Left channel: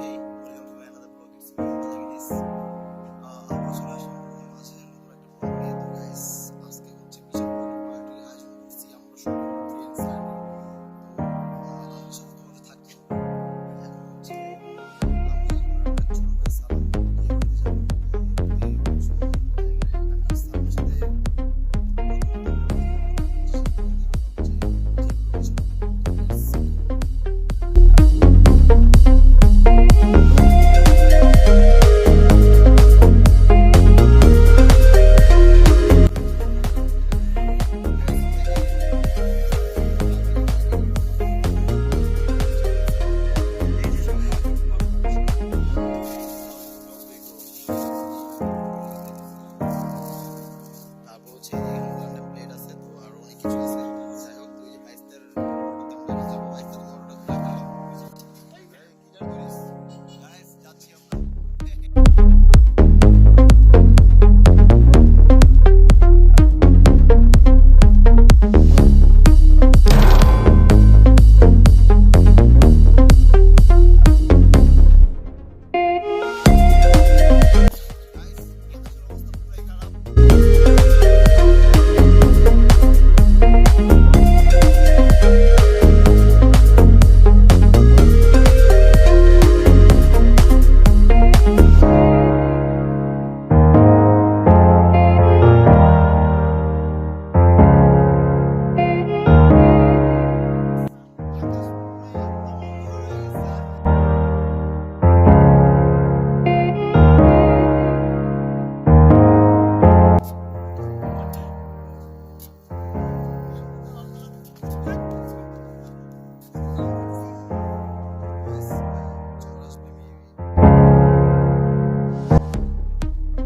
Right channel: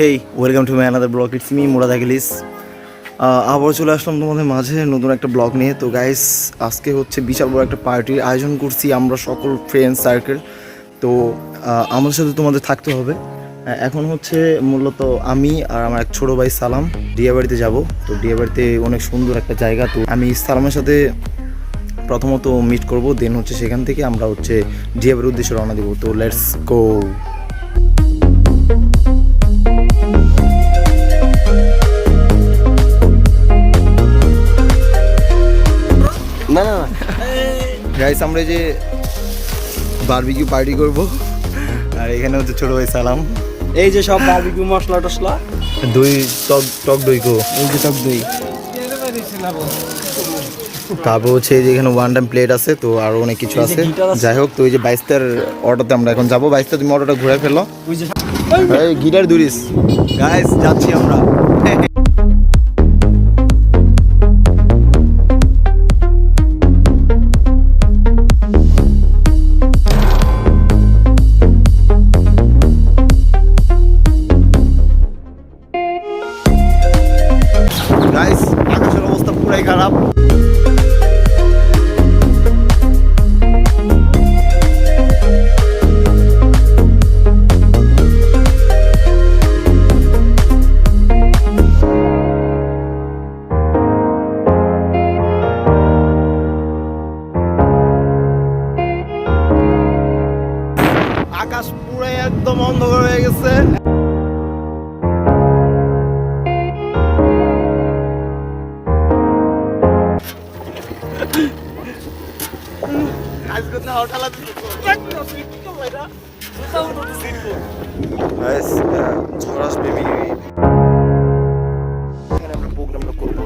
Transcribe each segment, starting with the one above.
Hey welcome to my another blog, it's me Murad Achilles. আবার চলে আসলাম তোমাদের মাঝে নতুন একটা ব্লগ নিয়ে। তো গাইস, আজকে হচ্ছে বিশাল বড় একটা পার্টির আয়োজন করছি আমরা সকল ফ্রেন্ড সার্কেল। তো আমাদের সাথে তোমাদের থাকতে হবে। এখন হচ্ছে মূলত আমি আর আমার এক ছোটো ভাই সালাম ডিয়াবাড়িতে যাব। তো ডিয়াবাড়িতে অনেক সুন্দর একটা জায়গা। তো আমি সালামের সাথে প্রথমত মিট করব, দেন হচ্ছে সেখান থেকে আমরা হচ্ছে ডিয়াবাড়ির উদ্দেশ্যে রওনা দিব। তো লেটস গো। গাইস, আমরা যে বারবিকিউ পার্টি করব, আর এখানে হচ্ছে ছোট ভাই সালাম। এই যে সব বারবিকিউ মশলা টসলা, দই টক দই গো, এই যে টক দই। তারপর হচ্ছে এই যে এখানে ওয়ান টাইম প্লেট আছে, তো আরো অনেক কিছু আছে। যাই হোক, তো এই যে 22টার অটোতে আমরা এখন যাবো। 22টা তুমি অটোটা ঘুরে ফেলো। এই গিটার দুরিস গাইস, যাচ্ছি আমরা। গাইস, আকাশের অবস্থা পুরাই খারাপ। আকাশ পুরাই একদম অন্ধকার হয়ে গেছে।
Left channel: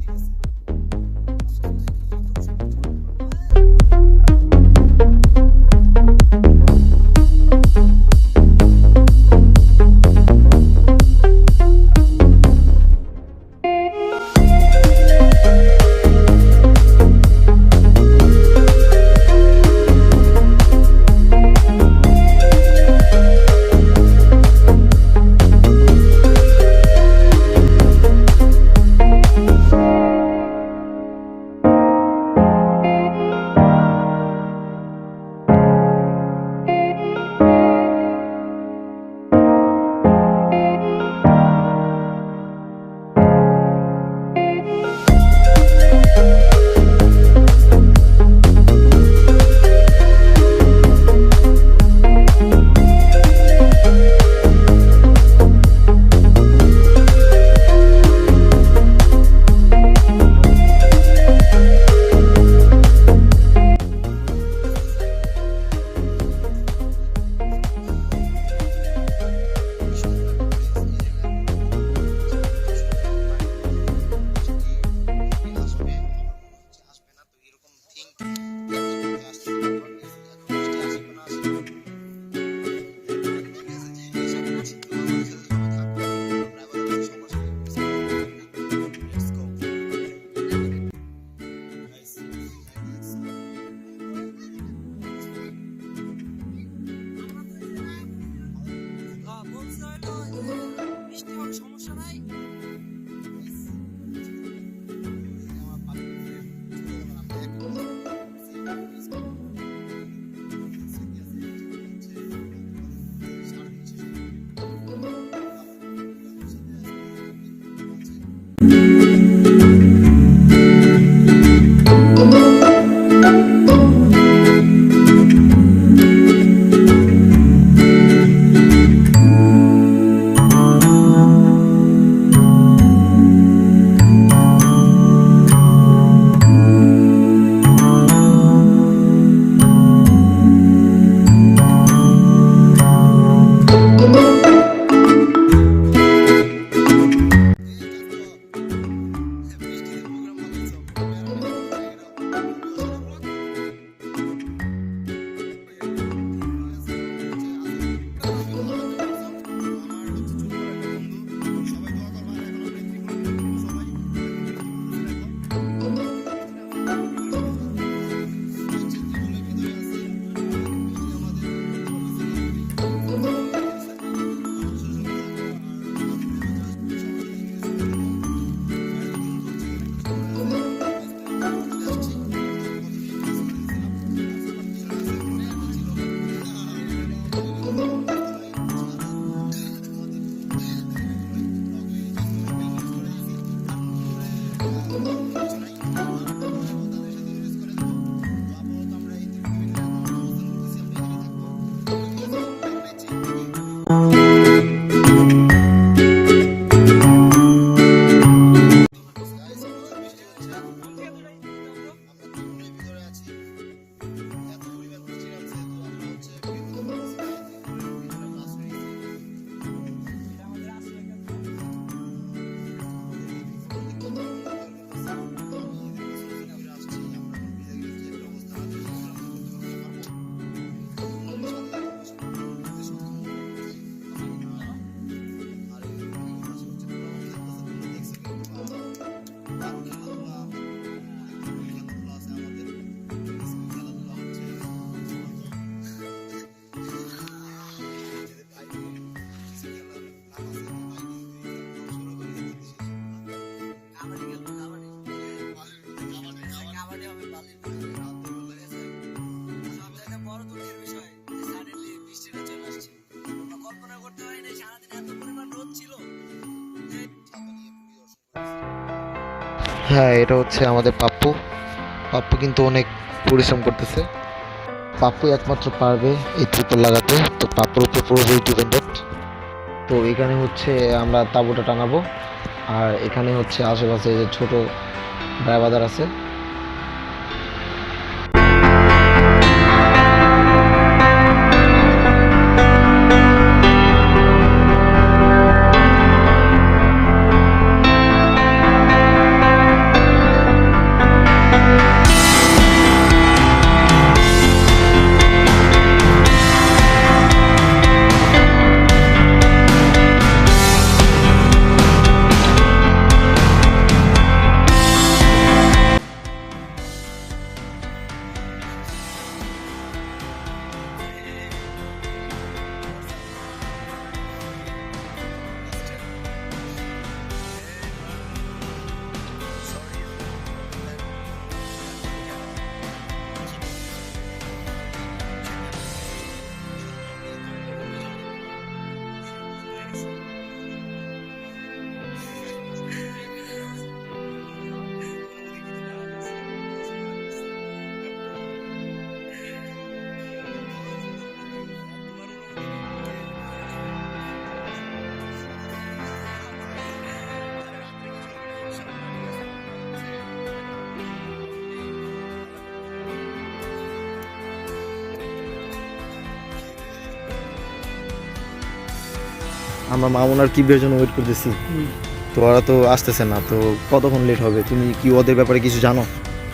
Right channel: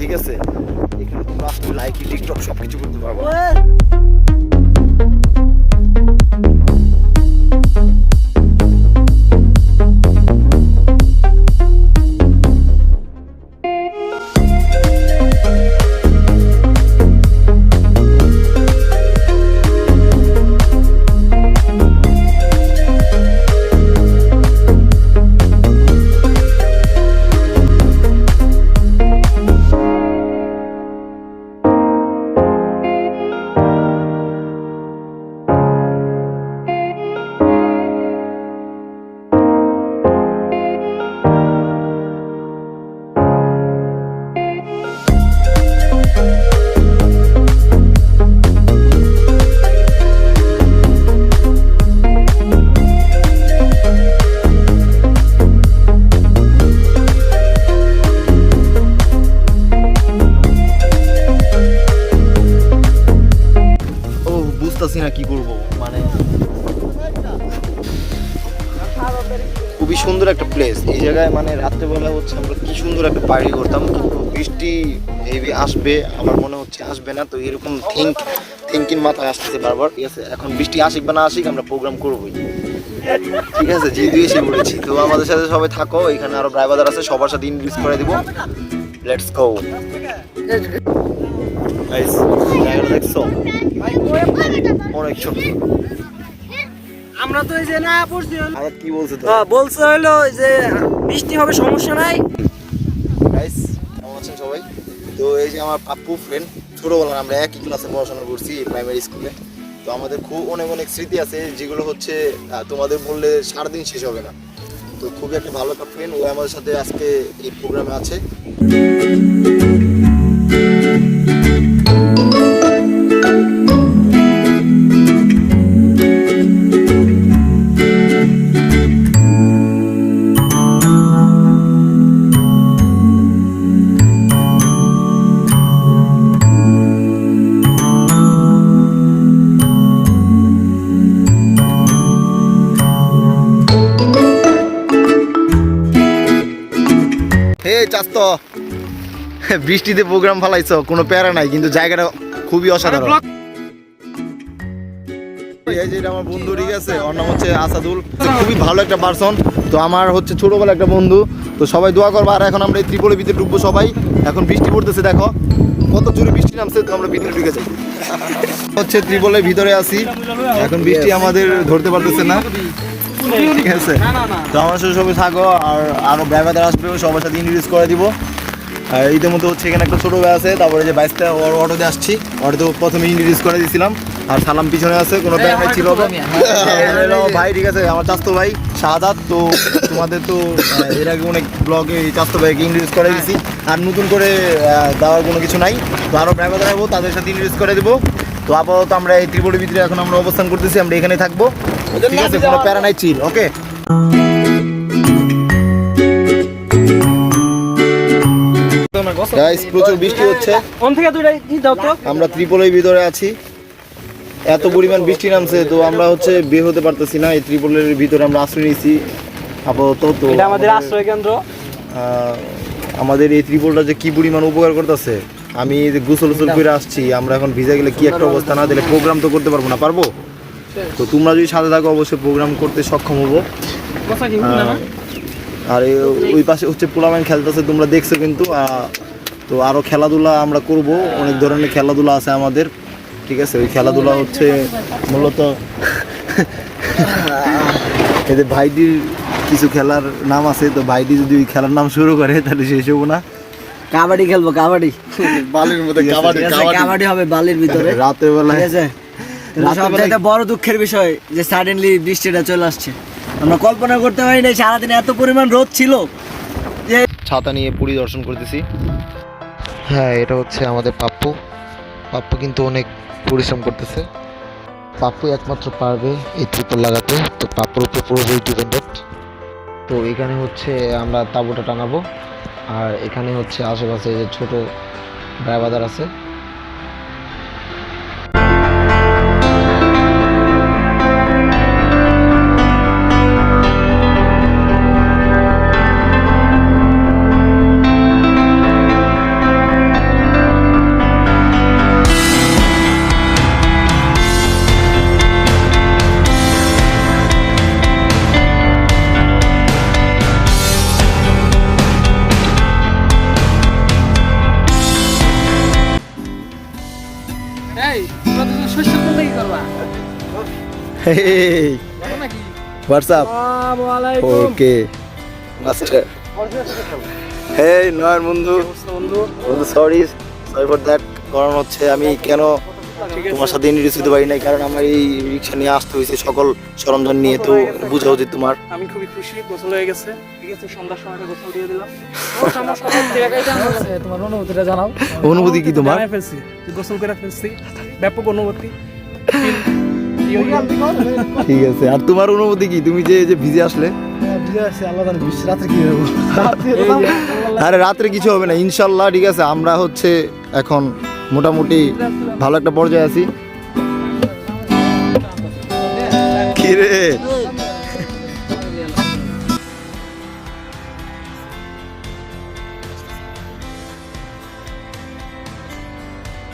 ঠিক আছে, এখানে তোমরা লাইক টিকটক সবকিছু করতে পারবো। খুবই সুন্দর একটা প্লেস এই জায়গায়, মানে রাত্রেবেলা হচ্ছে আমরা কি সুন্দর একটা পার্টি করতাম, কিন্তু বৃষ্টি হেভি আসবে আমার মনে হচ্ছে, আসবে না। তো এরকম থিঙ্কিং মাথায় আসতেছে বারবার। ঠিক আছে, এখন বৃষ্টি আসুক বা না আসুক আমরা প্রোগ্রাম করবোই। ঠিক আছে, যেহেতু এসে পড়েছি, তো আমাদের সাথে সবাই থাকো। এখানে আরো ড্রাইভার আছে, সবার সাথে ইনক্রিজ করে দিব। Let's go. গাইস, জায়গাটা দেখছো অনেক ছোট। আমরা তো এই যে না পড়ছি, আর কি বলছে তো? বলছে হলো যে বৃষ্টি হবে, সমস্যা নাই। গাইস, কেমন আছেন সবাই? তো এই যে আমার পাপ্পু ফ্রেন্ড, ছোটবেলায় আমরা একই ক্লাসে পড়াশোনা করছি প্রাইমারি স্কুলে। তো আমাদের খুব অনেক স্মৃতি আছে, যেগুলো হচ্ছে তোমাদের বললে সারাদিন শেষ হবে না। তো খুবই একটা ভালো একটা ফ্রেন্ড, ও আমাদের সাথে আজকে এই প্রোগ্রামে আছে। বৃষ্টিতে প্রোগ্রাম ফালাইছো, কোনো প্যারা নাই, কিন্তু জায়গাটা খুবই অসাধারণ। এই যে আমার বন্ধু, ঠিক আছে, ওর নাম হচ্ছে আসাদুল, খুবই ভালো একটা পার্সন। তো আমার হচ্ছে ছোটবেলা একটা বন্ধু। তো সবাই দোয়া করবো। আর এখন আমরা এই ত্রিপলের ভিতরে ডুববো সবাই। এখন বৃষ্টি পড়তেছে, দেখো কত জোরে বৃষ্টি নামছে। তো আমরা ভিতরে ঢুকে যাই, হচ্ছে ত্রিপলের ভিতরে আছি। এখন বৃষ্টি আমাদের ধরতে পারতেছে না। ঠিক আছে না না না তো আমার সাথে সবাই থাকো আর আরো ব্যাগাদার আসবে সবার সাথে ইন্ট্রোডিউস করে দিব আর ইতিমধ্যে হচ্ছে এখানে একটা ছোটো ভাই আছে তারপরে যে বাইকটা ওর অটোতে আসছি অটোতে প্রথমে ইন্ট্রোডিউস করে দিয়েছিলাম আর সালাম পিছনে আছে কোনো ব্যাগ ছিল ভাই ঠিক আছে আমার চাস্তো ভাই শাহাদাত তো তোমাদের তো এর আগে অনেক ব্লগে চাস্তো ভাইকে ইন্ট্রোডিউস করে দিয়েছি আর নতুন করে দেওয়ার কোনো কিছু নাই তো আরও ব্যাগাদার আসবো তাদের সাথে ইন্ট্রোডিউস করে দেবো তো আপাতত আমরা এই ত্রিপুরের ভিতরে এখন আমরা অবস্থান করতেছি আমরা এখানে থাকবো ঠিক আছে কোনো প্যারা নাই চিল ওকে গাইস প্রচুর বৃষ্টি হচ্ছে কোন থেকে দুইটাই দাও তো আমরা ত্রিপলের ভিতরে আছি এত পরিমাণ বৃষ্টি নামছে তো আমরা হচ্ছে বের হতে পারতেছি না এই ত্রিপলের ভিতরে আমরা আশ্রয় নিয়েছি আপাতত তো এটা আমাদের আশ্রয় কেন্দ্র আমাদের এই ত্রিপলটা যে কি পরিমাণ উপকার করতেছে আমি এই যে গোসল করে আসছি আমরা এখন ভিজে গেলে কি একটা অবস্থা না দিলে প্রোগ্রাম তো করতে পারবো না পারবো তো তোমরা যদি সাথে থাকো অবশ্যই প্রোগ্রাম করতে সক্ষম হবো আর ওই পাশে হচ্ছে পোলামেন খেলতেছে তোমরা দেখছো কিন্তু তো আরও খেলাধুলা আমরা করব অনেক ধরনের খেলাধুলা আছে আমাদের ঠিক আছে ওই খেলাধুলা হচ্ছে মূলত এদের ভাইটির কিছু খেলার নাম আছে তো ভাইটি যদি ওই খেলার নাম শুরু করে তাহলে শেষ হবো না কাবাডি খেলবো কাবাডি বালির মধ্যে কাবাডি হবে বালির ভিতরে রাতের বেলায় ঠিক আছে সবচেয়ে বড় দুঃখের বিষয় যে সাডেনলি বৃষ্টিটা চলে আসছে আমরা কল্পনা করতে পারি না সারাদিন এত পরিমাণ রোদ ছিল যে ছাতা নিয়ে পরিদর্শন করতেছি হ্যাঁ এটা হচ্ছে আমাদের পাপ্পু পাপ্পু কিন্তু অনেক পরিশ্রম করতেছে পাপ্পু একমাত্র পারবে এই ত্রিপল লাগাতে তো পাপ্পুর উপর পুরোপুরি ডিপেন্ডেন্ট তো এখানে হচ্ছে আমরা তাঁবুটা টানাবো আর এখানে হচ্ছে আশেপাশে যে ছোট ড্রাইভার আছে Hey, what's up? Okay. Master. Hey, নয় বন্ধু সরি ফর দ্যাট কারণ হচ্ছে আমি কেন তোমার সাথে ইন্ট্রোডিউস হতে পারি নাই কারণ আমার এই রিক্সা নিয়ে আসতে হয়েছে সকল সরঞ্জাম নিয়ে তো বোঝা উচিত তোমার আমি খুবই খুশি গোসল হয়ে গেছে ঠিক আছে সন্ধ্যার সময় গোসল দিয়ে দিলাম তোমার অনুভূতিটা জানাও অনুভূতি কি তোমার ফেলছি গোসল করে ফেলছি ব্যাপক অনুভূতি ঠিক আছে আর তোমার অনুভূতি কি তুমি যে ভিজে আসলে আরে রাত্রে কিছু হবে না ইনশাল্লাহ ঠিক আছে আমরা হচ্ছে এখন মোটামুটি ভালো একটা পর্যায়ে আছি কি রে আমরা মামুনার কিবের জন্য ওয়েট করতেছি তো ওরা তো আসতেছে না তো কতক্ষণ লেট হবে তুমি কি ওদের ব্যাপারে কিছু জানো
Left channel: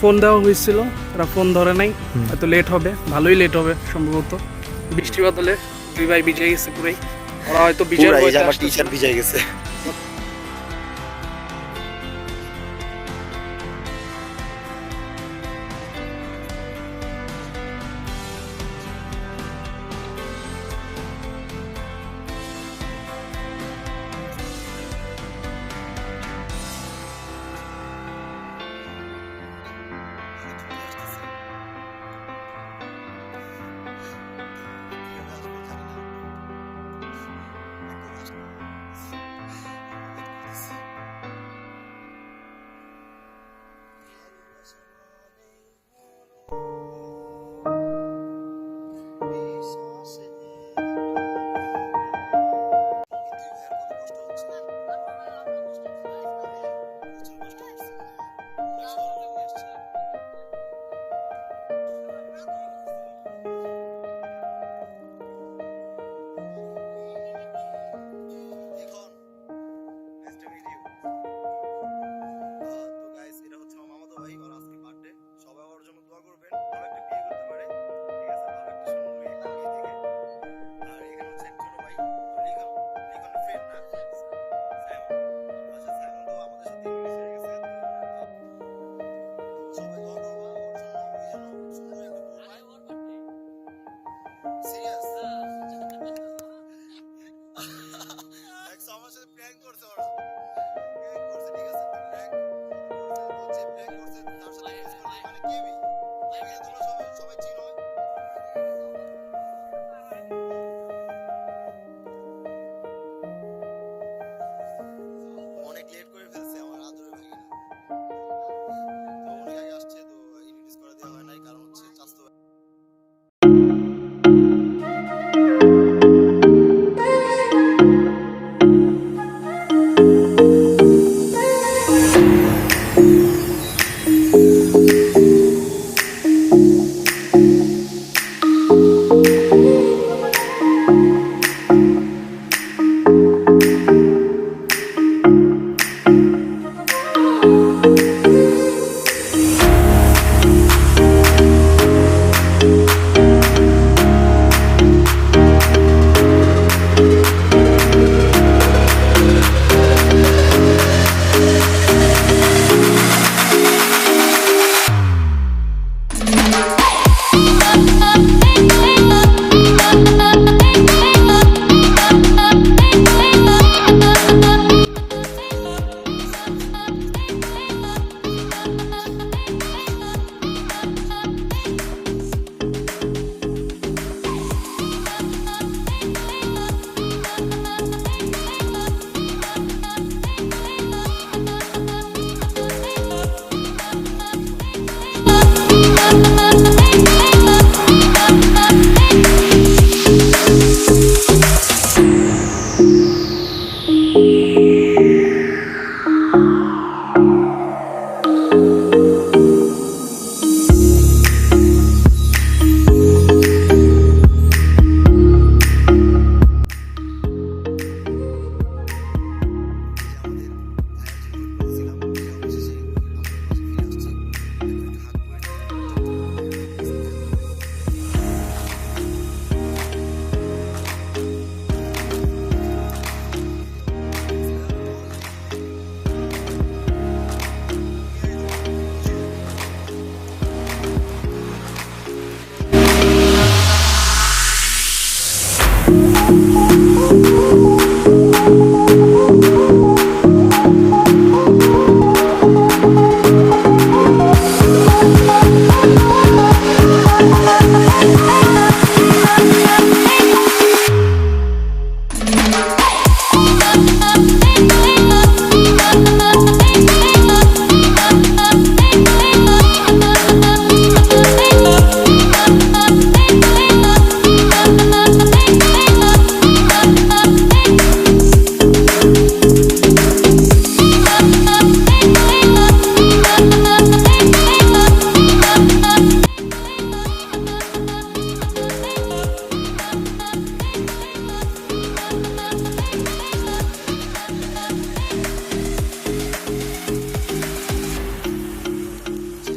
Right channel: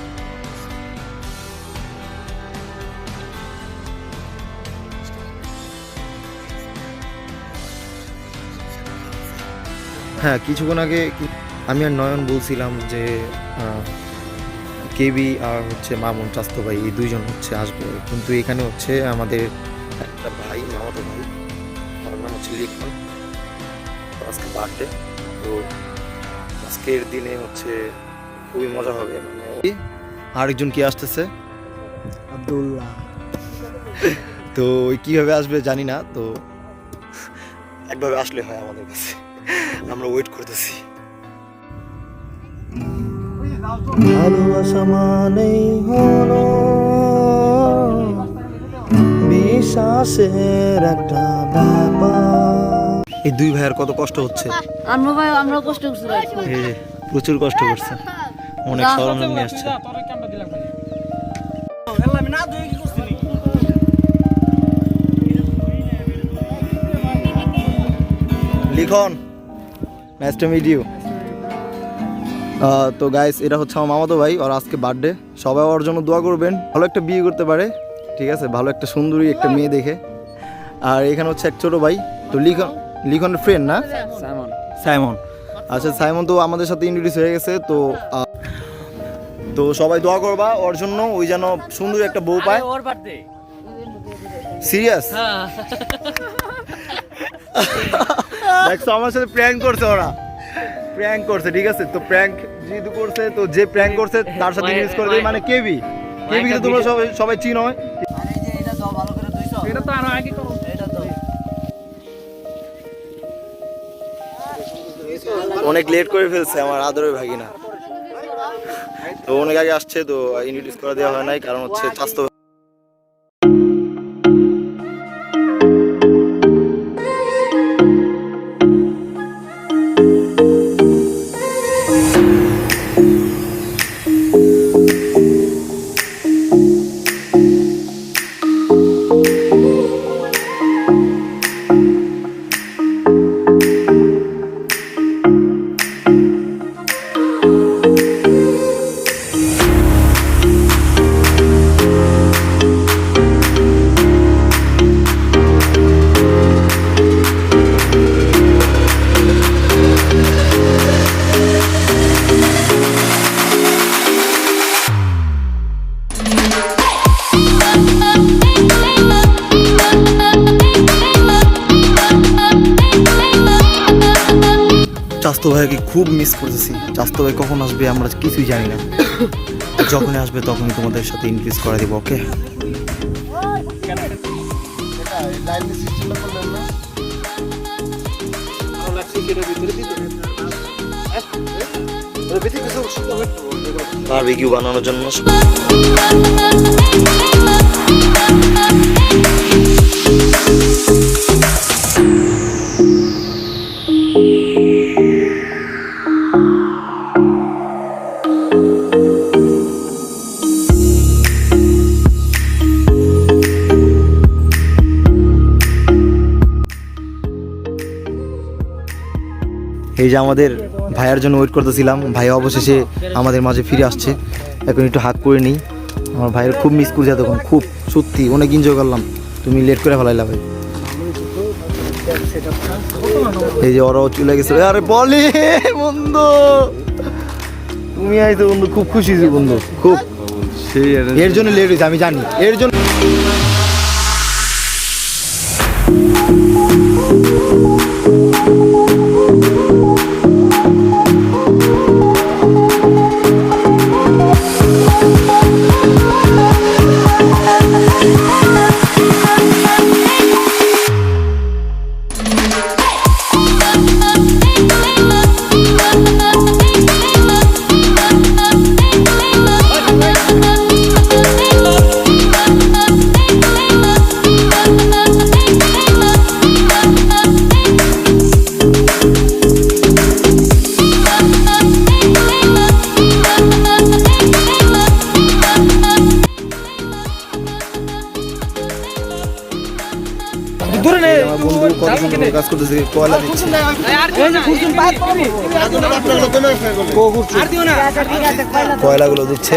ফোন দেওয়া হয়েছিল ওরা ফোন ধরে নাই এত লেট হবে ভালোই লেট হবে সম্ভবত বৃষ্টি বাদলে দুই ভাই ভিজে গেছে পুরাই ওরা হয়তো টিচার ভিজে গেছে হ্যাঁ কিছুক্ষণ আগে আমি আর নয়ন বলছিলাম যে কেবি আর হচ্ছে মামুন চাস্তো ভাই এই দুইজন হচ্ছে আসবে কিন্তু এখানে হচ্ছে আমাদের একটা ভাই আমাদের নাম হচ্ছে লিখন আজকে বার্থডে তো আজকের দিনে হচ্ছে খুবই মজা হবে আরেকজন কি আসতেছে আব্দুল্লাহ তো কিভাবে আসবে জানি না তো একভাবে আসলে হয় আমাদের কাছে আমরা ওয়েট করতেছি ভালোবাসা মানেই হলো বিশ্বাসের একটা ব্যাপার এই দুই ভাইয়ের কত কষ্ট হচ্ছে আমরা কষ্ট করছি এই যে প্রচুর কষ্ট করছে অনেক সরঞ্জাম নিয়ে আসছে লিখন নাইস টু মিট ইউ তো গাইস এটা হচ্ছে আমার মামাতো ভাই আর আজকে বার্থডে সবাই ওর জন্য দোয়া করবেন ভালো একটা বিয়ে করতে পারে ঠিক আছে ভালো একটা সুন্দরী একটা মেয়ে দেখে আর এখানে হচ্ছে এক ছোট ভাই তো লিখনের ফ্রেন্ড না সাইমন আচ্ছা সাইমন তো আমাদের সাথে ইন্ট্রোডিউস হয়ে গেছে তো তো সবাই দোয়া করবা ওর জন্য ওই যেন সুন্দর একটা বউ পায় ওর বার্থডে সিরিয়াস দেখছো আমার সাথে প্র্যাঙ্ক করছে ওরা, প্র্যাঙ্ক করছে, ঠিক আছে? তো প্র্যাঙ্ক যেহেতু করছে, তো যে প্র্যাঙ্ক করছে তার সাথে মিস করে দেই, মানে কেবি কিন্তু তোমরা সবাই চিনো। এটা তো আরো আগে করো। অনেক লেট করে ফেলছে আমার আদরের ভাগিনা, তো অনেক আগে আসছে, তো ইনভিটেস করে দেওয়া হয় নাই, কারণ হচ্ছে স্বাস্থ্য। চাস্তু ভাইকে খুব মিস করতেছি। চাস্তু ভাই কখন আসবে আমরা কিছুই জানি না, যখন আসবে তখনই তোমাদের সাথে ইনক্রিজ করে দেবো। ওকে, বারবিকিউ বানানোর জন্য এই যে আমাদের ভাইয়ার জন্য ওয়েট করতেছিলাম, ভাইয়া অবশেষে আমাদের মাঝে ফিরে আসছে। এখন একটু হাক করে নিই, আমার ভাইয়ের খুব মিস করছে তখন, খুব সত্যি অনেক এনজয় করলাম। তুমি লেট করে ফেলাইলা ভাই। এই যে ওরাও চলে গেছে। আরে বলি বন্ধু, তুমি আইছো বন্ধু, খুব খুশি হয়েছি বন্ধু, খুব। এর জন্য লেট হয়েছে আমি জানি, এর জন্য। কাজ করতেছে, কয়লা দিচ্ছে। কয়লাগুলো দিচ্ছে।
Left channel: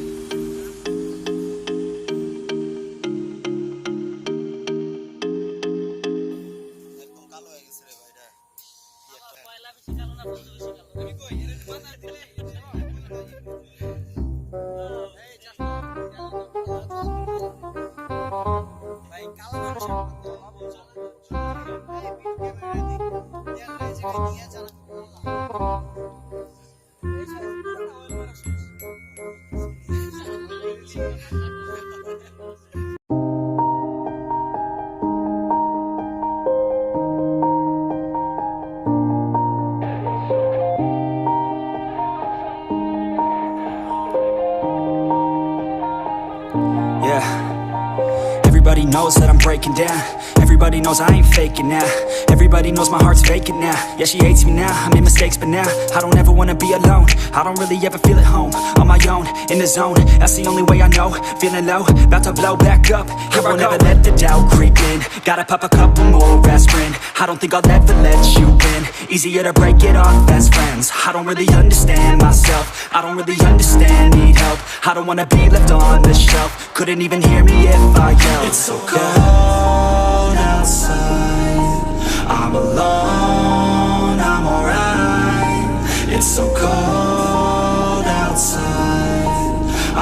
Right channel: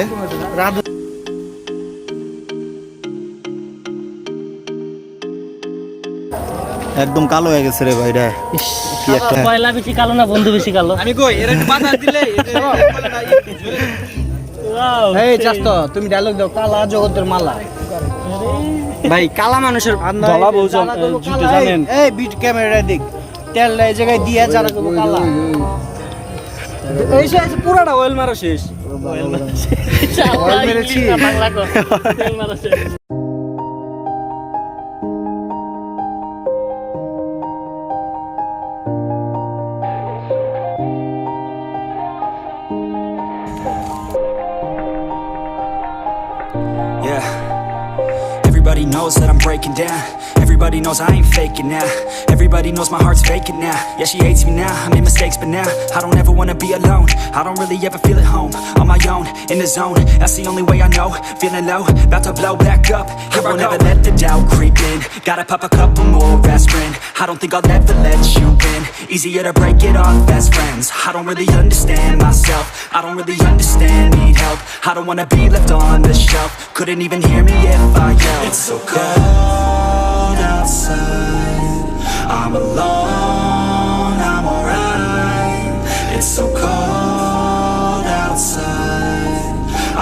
একদম কালো হয়ে গেছে রে ভাই, কি একটা কয়লা বেশি কালো না বন্ধু বেশি কালো? আমি কই এর একটু বাধা দিলে এই জাস্ট তুমি ডায়লগ দাও, কালা জগতের মালা। ভাই কালা মানুষের ধলা বউজন জুতে জানেন। এই বিট ক্যামেরা দেখ, তেল এই জায়গায় দিয়ে যারা কো কালা। এই শেষ পুরাটা অয়েল মারা শেষ। অয়েল মেরেছি বাংলা কো তেল মারা শেষ। Yeah. Everybody knows that I'm breaking down. Everybody knows I ain't faking now. Everybody knows my heart's vacant now. Yeah, she hates me now, I made mistakes but now I don't ever wanna be alone. I don't really ever feel at home. On my own, in the zone, that's the only way I know. Feeling low, about to blow back up. Here I won't ever let the doubt creep in. Gotta pop a couple more aspirin. I don't think I'll ever let you in. Easier to break it off best friends. I don't really understand myself. I don't really understand, need help. I don't wanna be left on the shelf. Couldn't even hear me if I yelled. It's so cold outside, I'm alone, I'm alright. It's so cold outside,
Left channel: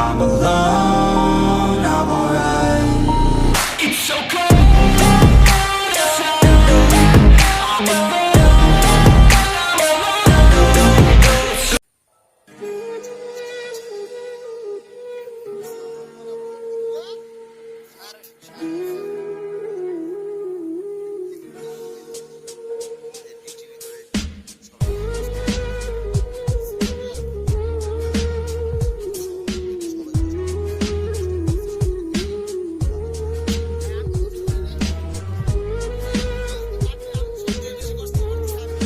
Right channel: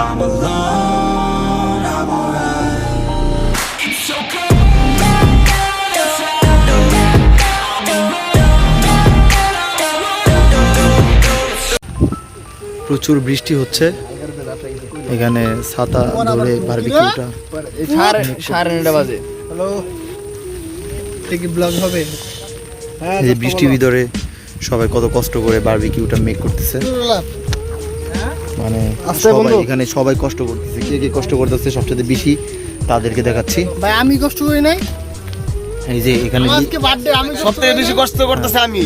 I'm alone, I'm alright. It's so cold outside, I'm প্রচুর বৃষ্টি হচ্ছে, এখানে ছাতা ধরে বারবিকিউটা সাড়ে 9টা বাজে। Blog হবে। এই যে বৃষ্টির ভিতরে সবাই কত কষ্ট করে বারবিকিউটা মেক করতেছে, মানে সবাই এখানে সবাই কষ্ট করতেছে। কে কে কষ্ট করতেছে সবচেয়ে বেশি তাদেরকে দেখাচ্ছি। ভাই আমি কষ্ট করি নাই, এই যে এখানে আজকে বার্থডে আমি সবথেকে বেশি কষ্ট করতেছে আমি।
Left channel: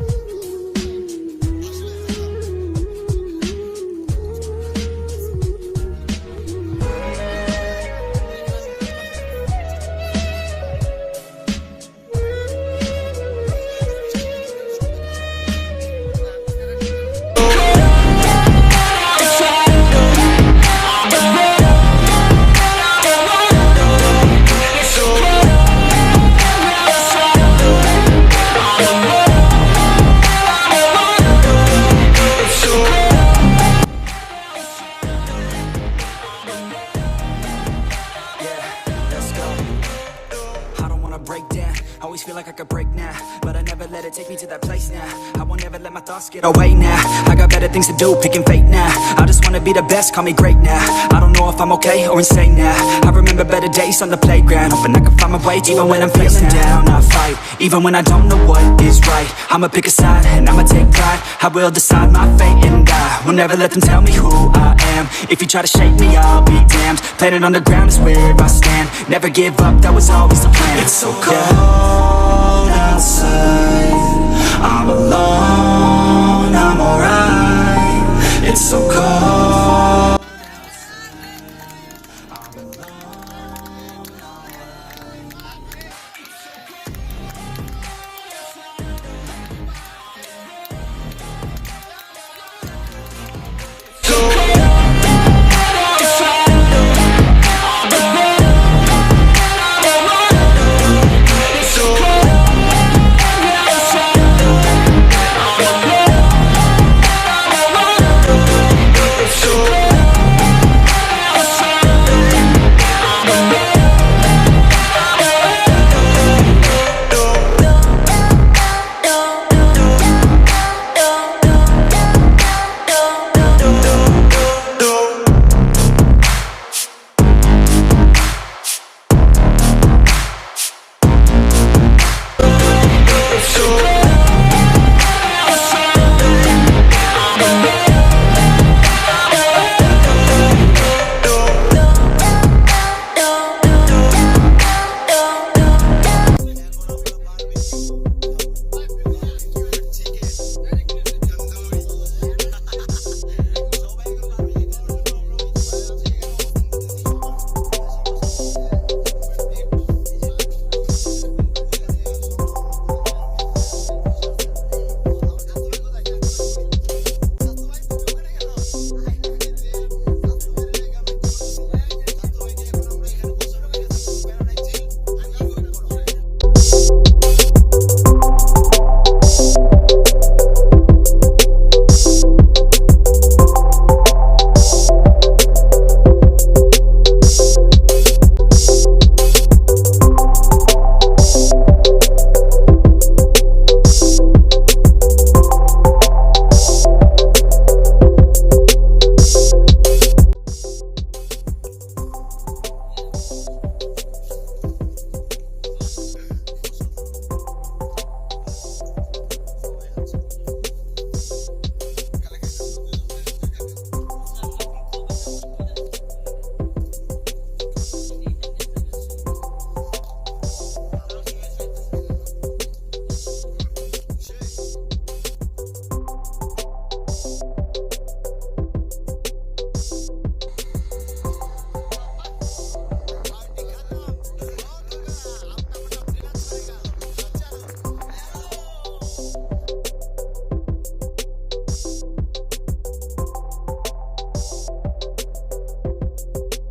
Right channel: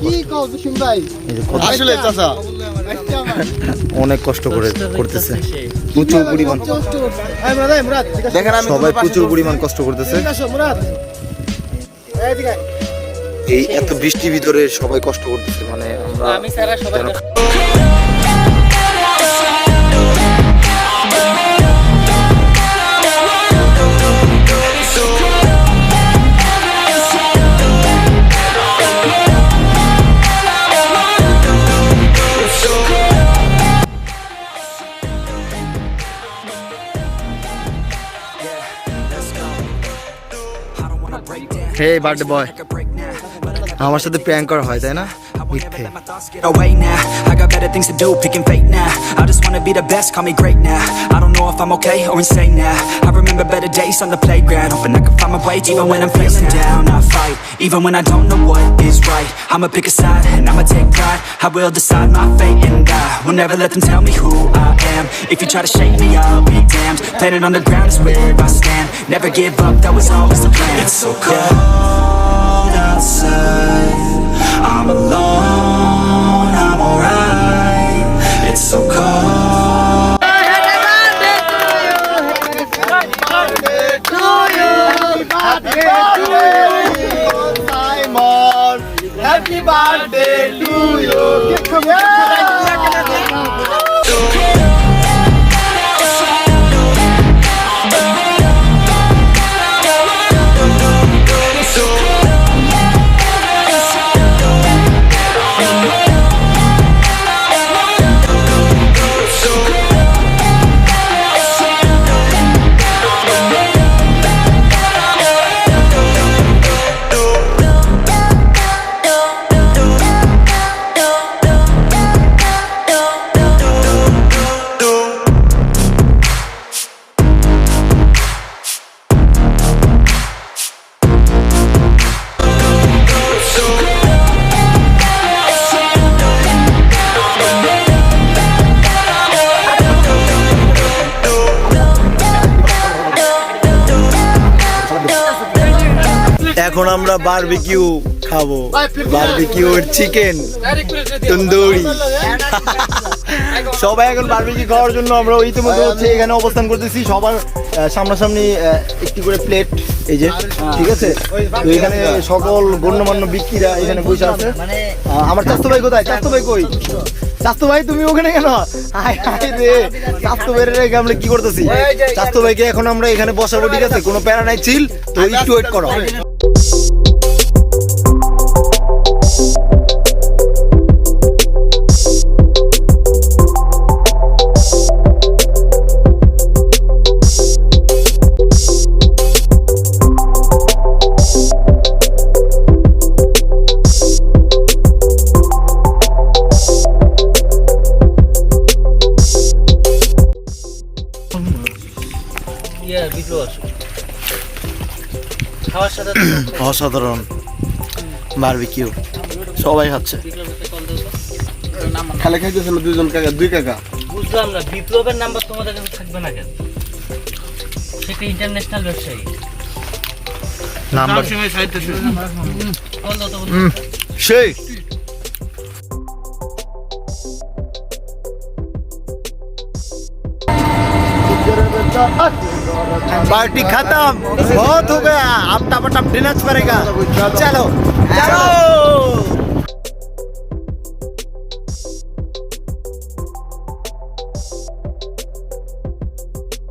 কি কও দুশিম ভাই? এই যে কত আসলে চাচা অনেক কষ্ট করে করতেছে, প্রচুর পরিমাণ এই মুরাদ দেখেন আমি সবাই প্রচুর পরিমাণ কষ্ট করতেছে। আসো মুরাদ, এইদিকে এই এত বৃষ্টির ভিতরে সবাই কষ্ট করতেছে, মানে আমি সারা সবাই Yeah, let's go. I don't wanna break down. Hey, Always birthday feel boy. like I could break now, but I never আমার let সাথে it take প্র্যাঙ্ক its করা হয়, place তাই না? now. I won't never let my thoughts get away now. I got better things to do, picking fate now. I just wanna be the best, call me great now. I don't know if I'm okay or insane now. I remember better days on the playground, hoping I can find my way even when I'm feeling down. I fight, even when I don't know what is right. I'ma pick a side and I'ma take pride. I will decide my fate and I will never let them tell me who I am. If you try to shake me, I'll be damned. Planet on the ground is where I stand. Never give up, that was always the plan. It's so cold outside, I'm alone, I'm alright. It's so cold. Happy birthday to you. এখন আমরা barbecue খাবো, বারবিকিউর chicken tandoori. সবাই এখন barbecue খাওয়ার জন্য আমরা ইতিমধ্যে হচ্ছে এখানে অবস্থান করতেছি। সবার সামনাসামনি একটি করে প্লেট, এই যে, ঠিক আছে। তো এখানে সকল গণ্যমান্য ব্যক্তিরা এখানে বসে আছে। আমার চাস্তু ভাই কোথায়? চাস্তু ভাই কই? চাস্তু ভাই তুমি ওখানে কেন? আয় আয় রে, চাস্তু ভাইয়ের রেখে আমরা কি করতেছি? চাস্তু ভাইকে এখন আমরা এখানে বসাবো, ঠিক আছে, কোনো প্যারা নাই, চিল। তো একটু ওয়েট করো। অসাধারণ বারবিকিউ, সবাই খাচ্ছে। খালে খাইতেছিল দুইজন কাকা, দুই কাকা। বুঝলাম না, বিপ্লবের নাম্বার তোমাদের কাছে থাকবে না কেন? সেটা ইন্টারন্যাশনাল ব্যবসায়ী। নাম্বার বলো তো, সেই पार्टी खत्म, बहुत हो गया, अब टप टप डिनर करेगा। चलो चलो।